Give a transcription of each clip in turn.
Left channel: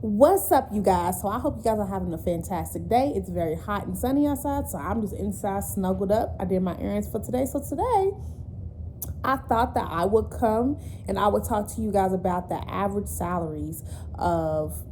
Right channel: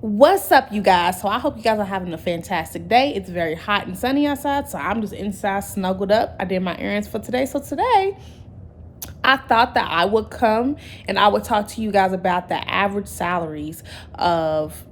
What's up, you guys? So I hope you guys are having a fantastic day. It's very hot and sunny outside, so I'm just inside snuggled up. I did my errands for today. So today I thought that I would come and I would talk to you guys about the average salaries of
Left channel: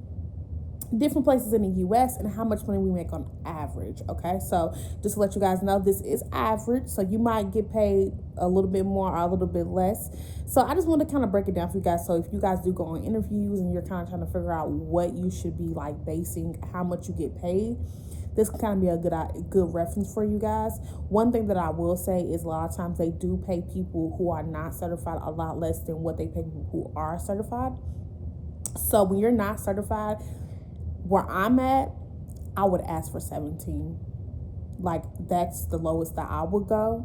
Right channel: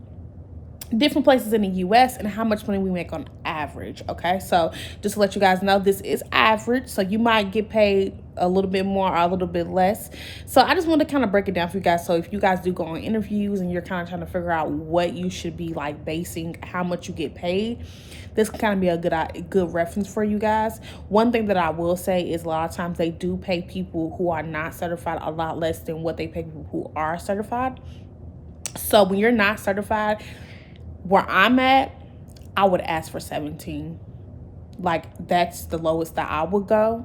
different places in the US and how much money we make on average. Okay, so just to let you guys know, this is average, so you might get paid a little bit more or a little bit less. So I just want to kind of break it down for you guys. So if you guys do go on interviews and you're kind of trying to figure out what you should be like basing how much you get paid, this can kind of be a good reference for you guys. One thing that I will say is a lot of times they do pay people who are not certified a lot less than what they pay people who are certified. So when you're not certified, where I'm at, I would ask for 17. Like, that's the lowest that I would go.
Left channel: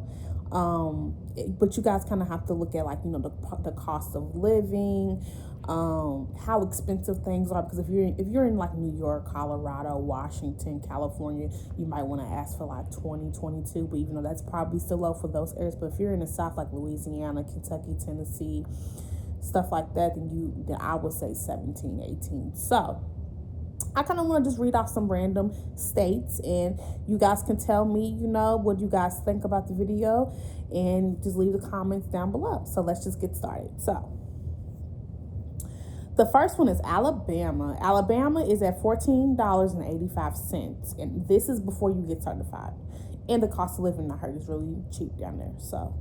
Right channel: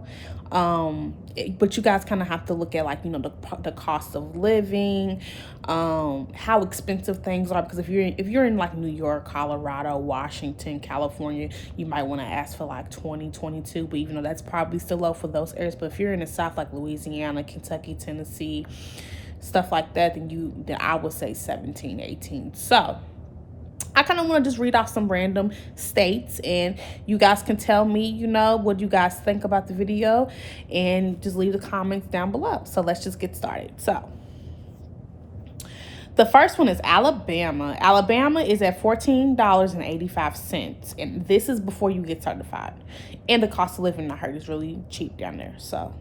But you guys kind of have to look at, like, you know, the cost of living, how expensive things are. Because if you're in like New York, Colorado, Washington, California, you might want to ask for like 20, 22. But even though that's probably still low for those areas, but if you're in the South, like Louisiana, Kentucky, Tennessee, stuff like that, then I would say 17, 18. So I kind of want to just read off some random states, and you guys can tell me, you know, what you guys think about the video, and just leave the comments down below. So let's just get started. So the first one is Alabama. Alabama is at $14.85, and this is before you get certified. And the cost of living, I heard, is really cheap down there. So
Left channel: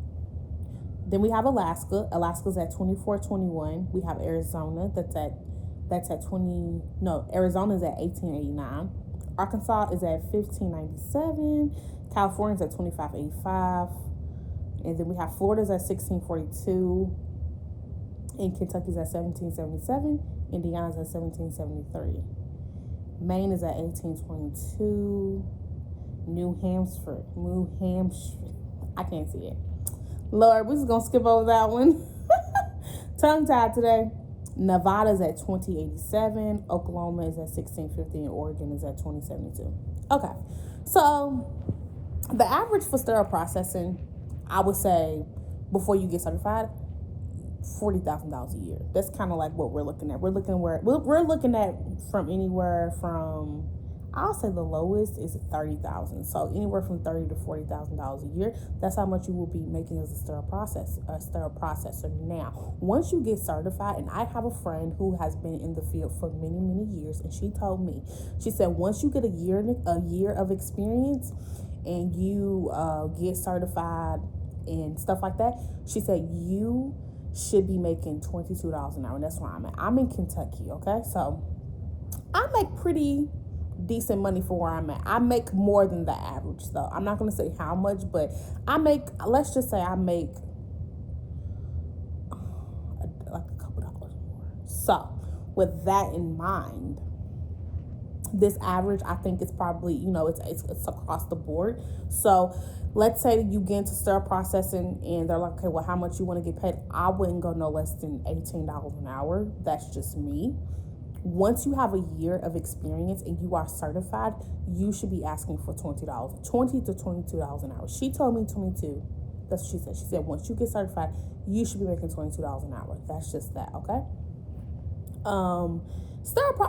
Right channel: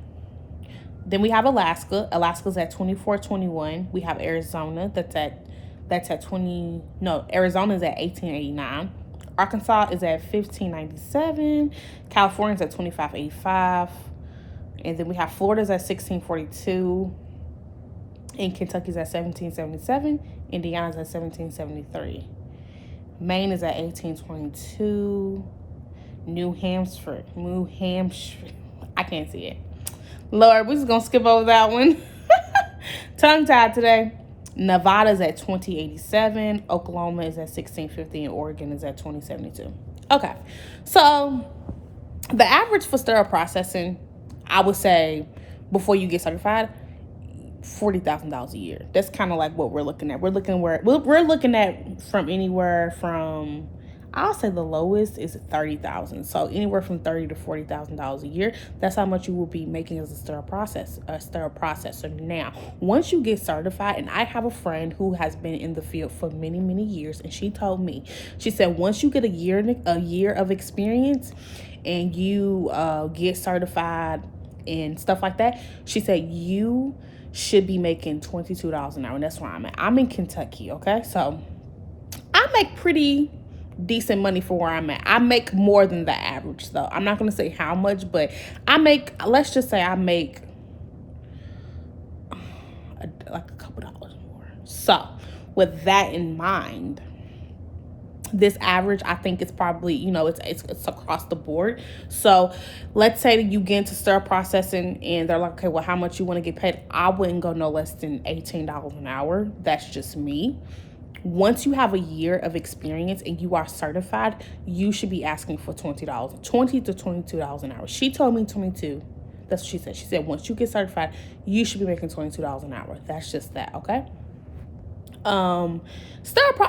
then we have Alaska. Alaska's at $24.21. We have Arizona, that's at Arizona's at $18.89. Arkansas is at $15.97. California's at $25.85. And then we have Florida's at $16.42. And Kentucky's at $17.77. Indiana's at $17.73. Maine is at $18.22. New Hampshire. I can't see it. Lord, we're just gonna skip over that one. Tongue tied today. Nevada's at $20.87, Oklahoma is at $16.50, and Oregon is at $20.72. Okay, so the average for sterile processing, I would say, before you get certified, $40,000 a year. That's kind of like what we're looking at. We're looking at from anywhere from, I'll say the lowest is $30,000. So anywhere from $30,000 to $40,000 a year. That's how much you will be making as a sterile processor. Now, once you get certified, and I have a friend who has been in the field for many, many years, and she told me, she said, once you get a year of experience, and you get certified and stuff like that, she said you should be making $22 an hour, and that's where I'm at. I'm in Kentucky, okay? So I make pretty decent money for where I'm at. I make more than the average, though. I'm not going to say how much, but let's just say I make like a couple dollars more. So with that in mind, this average, I think, is probably, you know, it's across the board. So let's say that you get into sterile processing and they're like, okay, well, how much you want to get paid? I wouldn't go no less than $18 an hour. That's just me. Once you have a year of experience and you are certified, you should be asking for $20 to $22 an hour. She told me 22. That's what she said. She said once you get certified, you should be making $22 an hour. That's just that, okay? I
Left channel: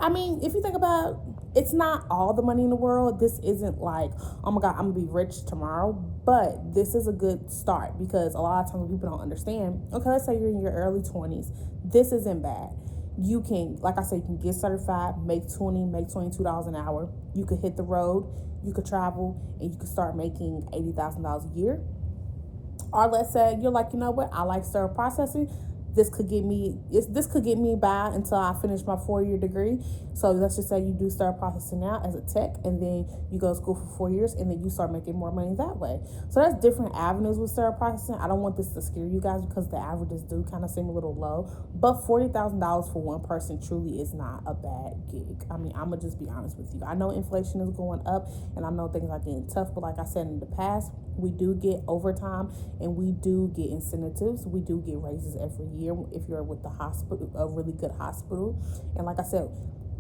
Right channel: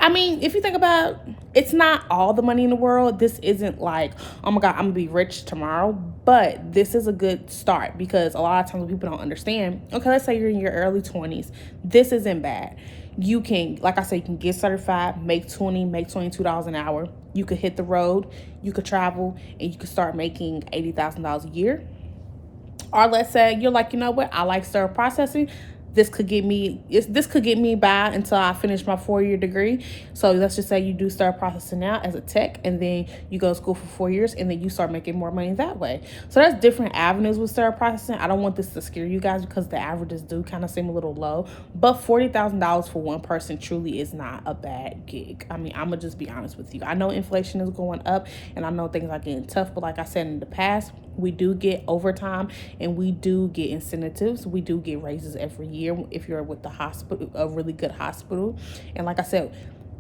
mean, if you think about it, it's not all the money in the world. This isn't like, oh my God, I'm gonna be rich tomorrow. But this is a good start, because a lot of times people don't understand. Okay, let's say you're in your early 20s. This isn't bad. You can, like I said, you can get certified, make $22 an hour. You could hit the road, you could travel, and you could start making $80,000 a year. Or let's say you're like, you know what, I like sterile processing. This could get me by until I finish my 4-year degree. So let's just say you do sterile processing now as a tech, and then you go to school for 4 years, and then you start making more money that way. So there's different avenues with sterile processing. I don't want this to scare you guys, because the averages do kind of seem a little low, but $40,000 for one person truly is not a bad gig. I mean, I'm gonna just be honest with you. I know inflation is going up, and I know things are getting tough, but like I said in the past, we do get overtime, and we do get incentives. We do get raises every year if you're with the hospital, a really good hospital. And like I said,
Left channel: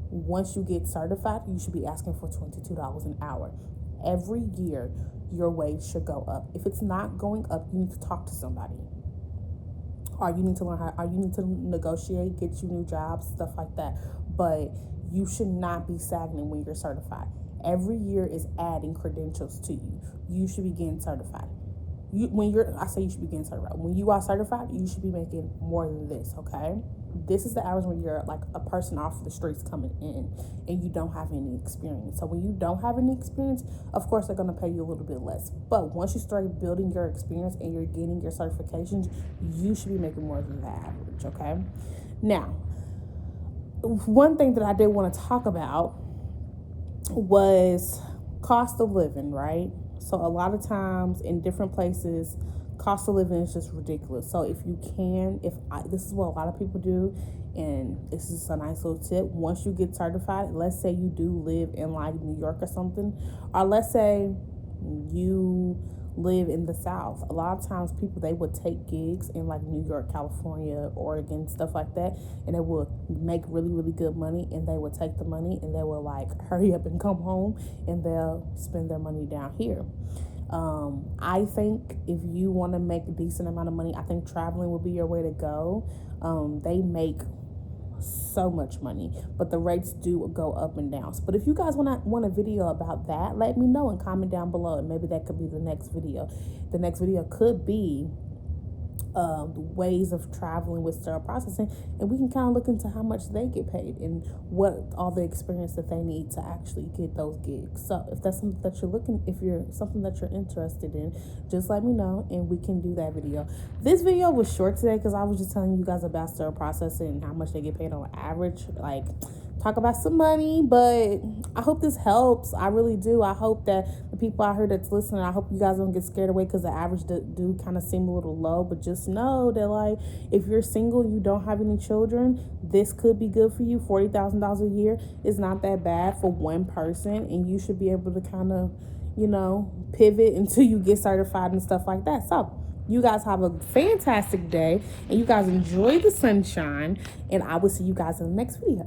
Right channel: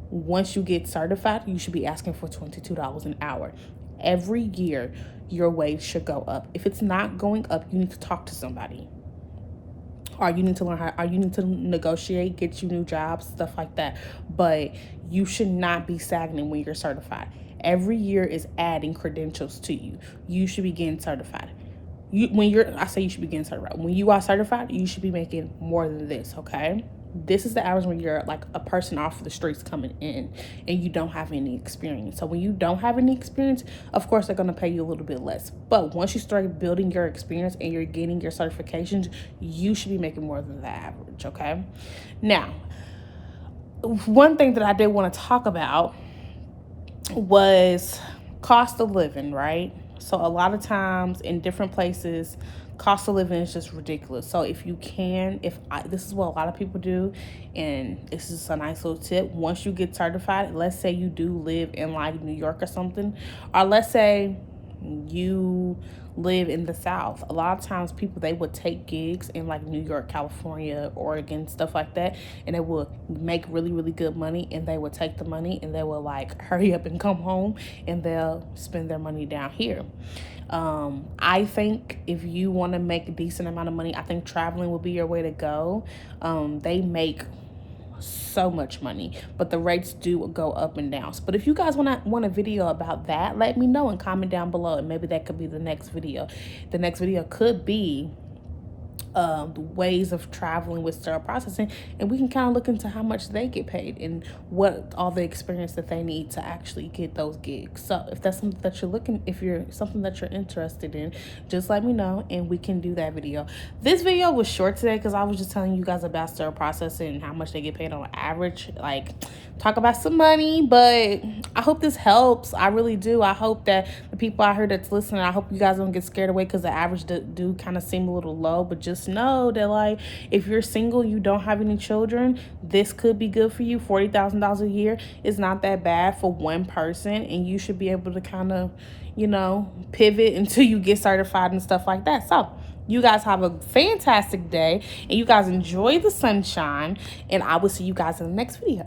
once you get certified, you should be asking for $22 an hour. Every year, your wage should go up. If it's not going up, you need to talk to somebody. or you need to learn how, or you need to negotiate, get you new jobs, stuff like that. But you should not be stagnant when you're certified. Every year is adding credentials to you. You should be getting certified. I say you should be getting certified. When you are certified, you should be making more than this, okay? This is the average when you're like a person off the streets coming in and you don't have any experience. So when you don't have any experience, of course they're going to pay you a little bit less. But once you start building your experience and you're getting your certifications, you should be making more than the average, okay? Now, one thing that I did want to talk about was cost of living, right? So a lot of times in different places, cost of living is just ridiculous. So if you can, this is what a lot of people do, and this is a nice little tip. Once you get certified, let's say you do live in like New York or something, or let's say you live in the South. A lot of times people, they would take gigs in like New York, California, Oregon, stuff like that, and they would make really, really good money, and they would take the money and they will like hurry up and come home and they'll spend their money down here. I think if you want to make a decent amount of money, I think traveling would be your way to go. They make so much money, but the rates do go up and down. But if you guys want a video about that, let me know and comment down below, and maybe that could be the next video. The next video could be the ways of traveling with sterile processing, and we can kind of look into how much they get paid and what all the experience that they need to actually get those gigs. So if that's something that you're something that you're interested in, just let me know and we can do that video. This video was short today because I was just telling you guys about sterile processing and how much they get paid on average, like talk about some money. But I hope this helps. I really do. I hope that the people out here that's listening, I hope you guys don't get scared away because the average do kind of seem a little low. But just know that, like, if you're single, you don't have any children, this could be good for you. $40,000 a year is not that bad for one person, and you should be able to kind of, pivot until you get certified and stuff like that. So you guys have a fantastic day, and you guys enjoy the sunshine, and I will see you guys in the next video.